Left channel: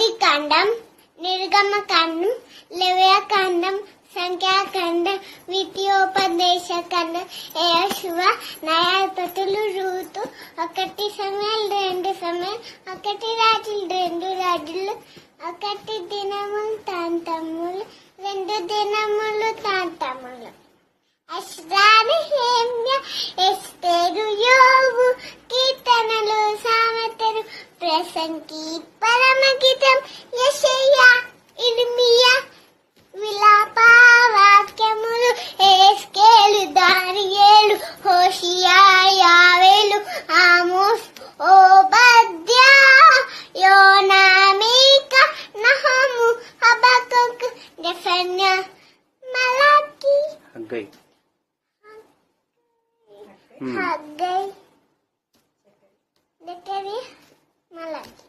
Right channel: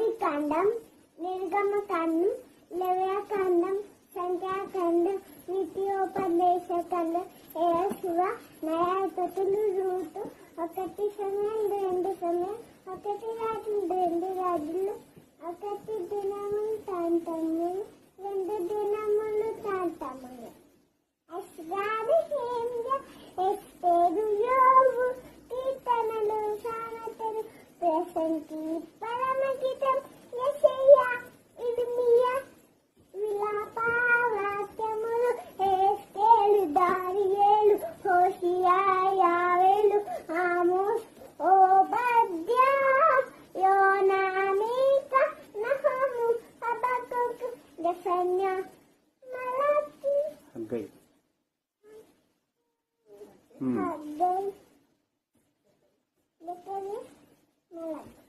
ఆదికాండం, నిర్గమకాండం, లేవ్యకాండం, సంఖ్యాకాండం, ద్వితీయోపదేశకాండం, యెహోషువ, న్యాయాధిపతులు, రూతు, 1 సమూయేలు, 2 సమూయేలు, 1 రాజులు, 2 రాజులు, 1 దినములు, తాంతములు, 2 దినములు, తాంతములు, ఎజ్రా, నెహెమ్యా, ఎస్తేరు, యోబు, కీర్తనలు, సామెతలు, ప్రసంగి, పరమగీతం, యెషయా, ఇర్మీయా, విలాప వాక్యములు, ఎహెజ్కేలు, దానియేలు, హోషేయ, యోవేలు, ఆమోస్, ఓబద్యా, యోనా, మీకా, నహము, హబక్కూకు, జెఫన్యా, మలాకి, హగ్గై, జకర్యా, మలాకి.